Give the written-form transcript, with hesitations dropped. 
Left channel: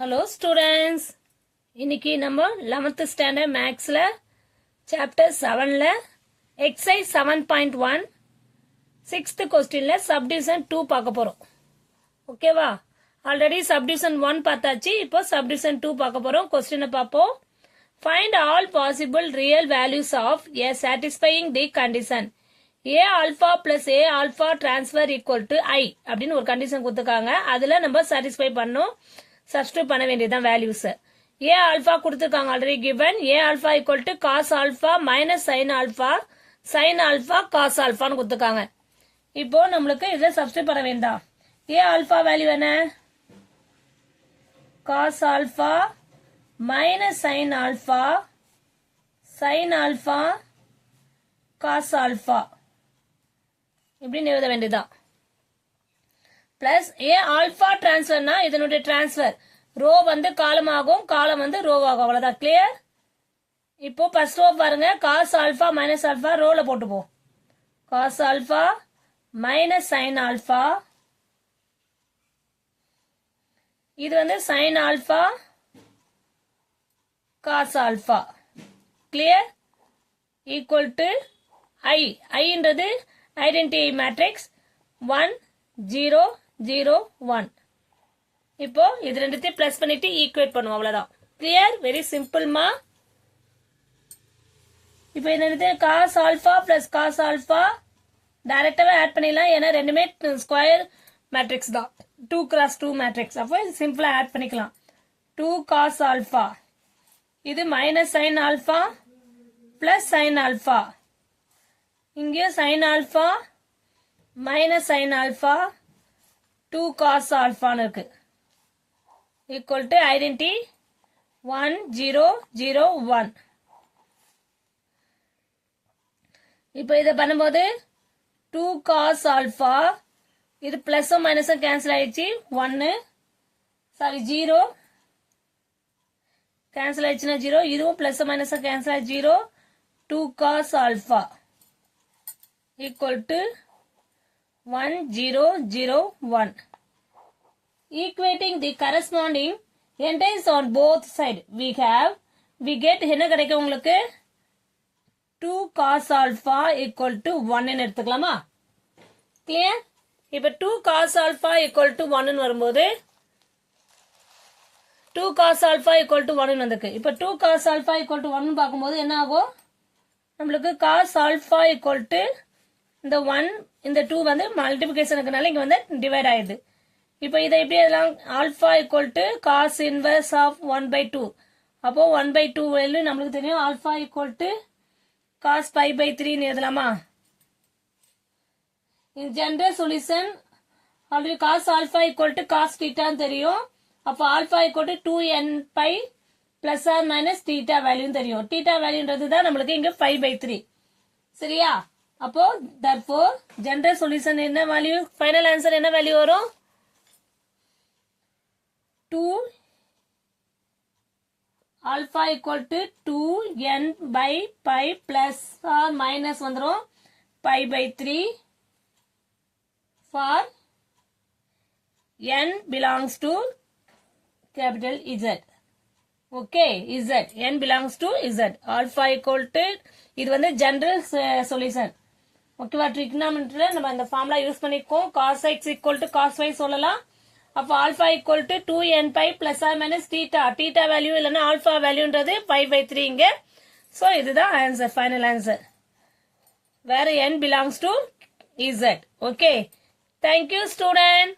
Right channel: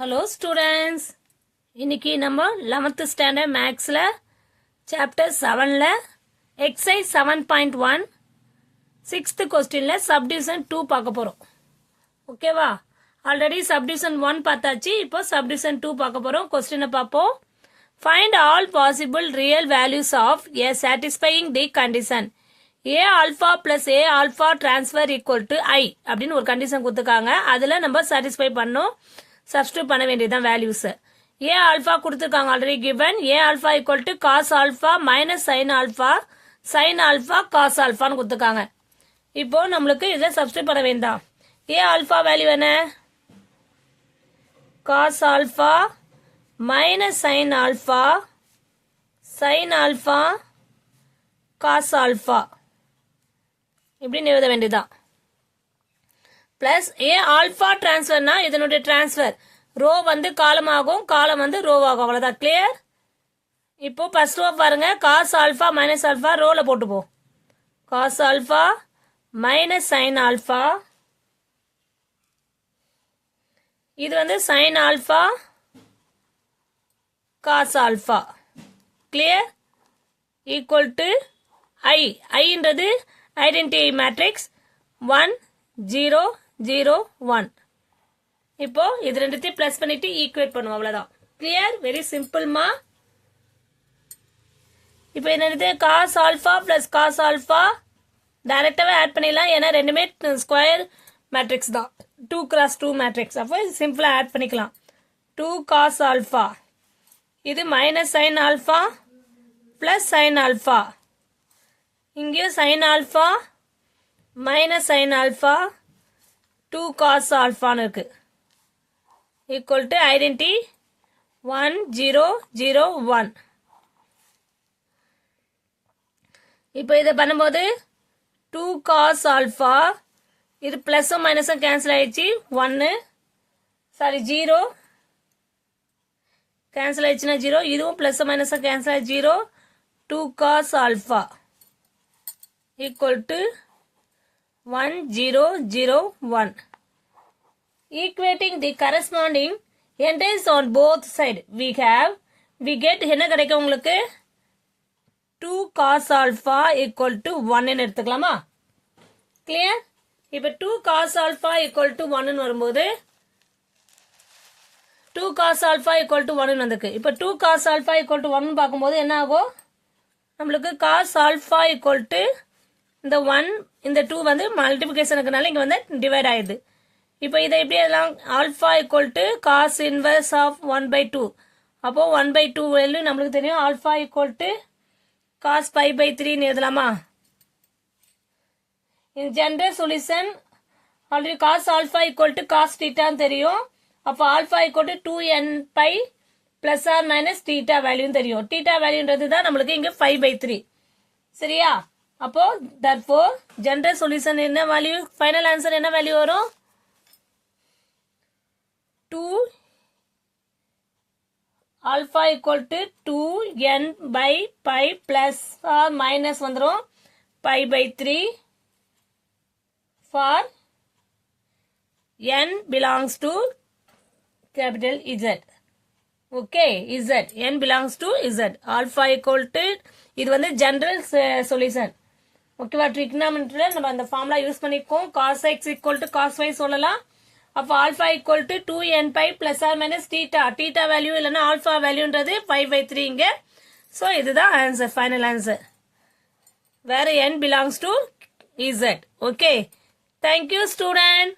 Hello students. இன்னைக்கு நம்ம 11th standard mathsல chapter 7ல exercise 7.1 6th questionல subdivision 2 பார்க்க போறோம். ஓகேவா? ஆல்ரெடி subdivision 1 பார்த்தாச்சு. இப்போ subdivision 2 பார்க்க போறோம். क्वेश्चனை பாப்போம். Find all possible real values of a satisfying the condition a alpha plus a alpha transfer equal to I அப்படின்னு ஒரு கண்டிஷன் கொடுத்துருக்காங்க. அதுல நம்ம satisfy பண்ணோம். சப்ஸ்டிட்யூட் பண்ண வேண்டியதான் வேல்யூஸ். ஏ ஆல்பா கொடுத்துருக்காங்க already given. A alpha equal to cos alpha minus sin alpha sin alpha cos ஆல்பான்னு கொடுத்துருக்காங்க. இப்போ நம்மளுக்கு இதை சப்ஸ்டிட்யூட் பண்ண வேண்டாம். ஏ ஆல்பா வேல்யூ என்ன? Cos alpha minus sin alpha sin alpha cos alpha இப்படின்னு எழுத வேண்டியதான். பிளஸ் ஏ ஆல்பா டிரான்ஸ்பர்னா இதனுடைய டிரான்ஸ்பர் ரோ வந்து காலம் ஆகும், காலம் வந்து ரோ ஆகும். அவ்வளவுதான். கிளியர்? இப்போ ஃபர்ஸ்ட் ரோ பாருங்க. காஸ் ஆல்பா மைனஸ் ஆல்பா ரோல போட்டுப்போம். Cos alpha minus sin alpha, இது வந்து sin alpha cos alpha. Clear? Equal to I. ஐன்றது ஐடென்டிட்டி மேட்ரிக்ஸ் 1 0 0 1. இப்போ இது ரெண்டுத்தையும் பிளஸ் பண்ணிட்டு ஈக்குவேட் பண்ணுவோம். அவ்வளவுதான். கிளியர்? வெரி சிம்பிள்மா. இப்போ என்னது cos alpha plus cos alpha டைரக்டாவே ஆட் பண்ணிடலாம். ஏன்னா ரெண்டுமே ஸ்கொயர் மேட்ரிக்ஸ் தான். 2 x 2 மேட்ரிக்ஸ். அப்போ சிம்பிளா ஆட் பண்ணிக்கலாம். 2 காஸ் ஆல்பா, இது minus sin alpha plus sin alpha, இங்கேயும் sin alpha minus sin alpha 2 cos ஆல்பான்னு இருக்கு. Equal to identity 1 0 0 1. இப்போ இதை பண்ணும்போது 2 காஸ் ஆல்பா, இது பிளஸும் மைனஸும் கேன்சல் ஆயிடுச்சு. 1 சாரி 0 கேன்சல் ஆயிடுச்சுன்னா 0, இதுவும் பிளஸும் மைனஸும் கேன்சல் ஆயிடுச்சு 0. 2 cos alpha equal to 1 0 0 1. Equating the corresponding entities on both sides, we get என்ன கிடைக்கும் உங்களுக்கு? 2 cos alpha equal to 1 ன்னு எடுத்துக்கலாமா? கிளியர்? இப்ப 2 cos alpha equal to 1 ன்னு வரும்போது 2 cos alpha equal to 1 ன்னு வந்திருக்கு. இப்ப 2 cos alpha equal to 1 பார்க்கும்போது என்ன ஆகும்? நம்மளுக்கு cos alpha equal to இந்த 1 இந்த 2 வந்து மல்டிபிகேஷனுக்குனால இங்க வந்து டிவைட் ஆயிடுது. இப்போ இதை எப்படி எழுதலாம்? Alpha equal to cos inverse of 1/2. அப்போ 1/2 வேல்யூ நம்மளுக்கு தெரியும். ஆல்பா ஈக்குவல் டு காஸ் 5/3 எழுதலாமா? In general solution already cos alpha equal to cos தீட்டான்னு தெரியும். அப்போ alpha equal to 2n pi plus or minus theta வேல்யூன்னு தெரியும். தீட்டா வேல்யூன்றது தான் நம்மளுக்கு இங்க 5/3. சரியா? அப்போ therefore ஜெனரல் சொல்யூஷன் என்ன வேல்யூ? ஃபைனல் ஆன்சர் என்ன வேல்யூ வரும்? 2 alpha equal to 2n by pi plus or minus வந்துரும் pi/3 for n belongs to capital Z. Okay, Z. n belongs to Z. Alpha equal to இது வந்து general solution. ஓகேவா? ட்ரிக்னாமெட்ரில நம்ம அந்த formula use பண்ணிக்கோம். cos x equal to cos y சொல்லலாம். அப்போ alpha equal to 2n pi plus or minus theta. Theta value இல்லைன்னா ஆல்பா வேல்யூன்றது 5/3 இங்க. ஸோ இதுதான் ஆன்சர், ஃபைனல் ஆன்சர். வேற n belongs to Z. Okay, thank you student.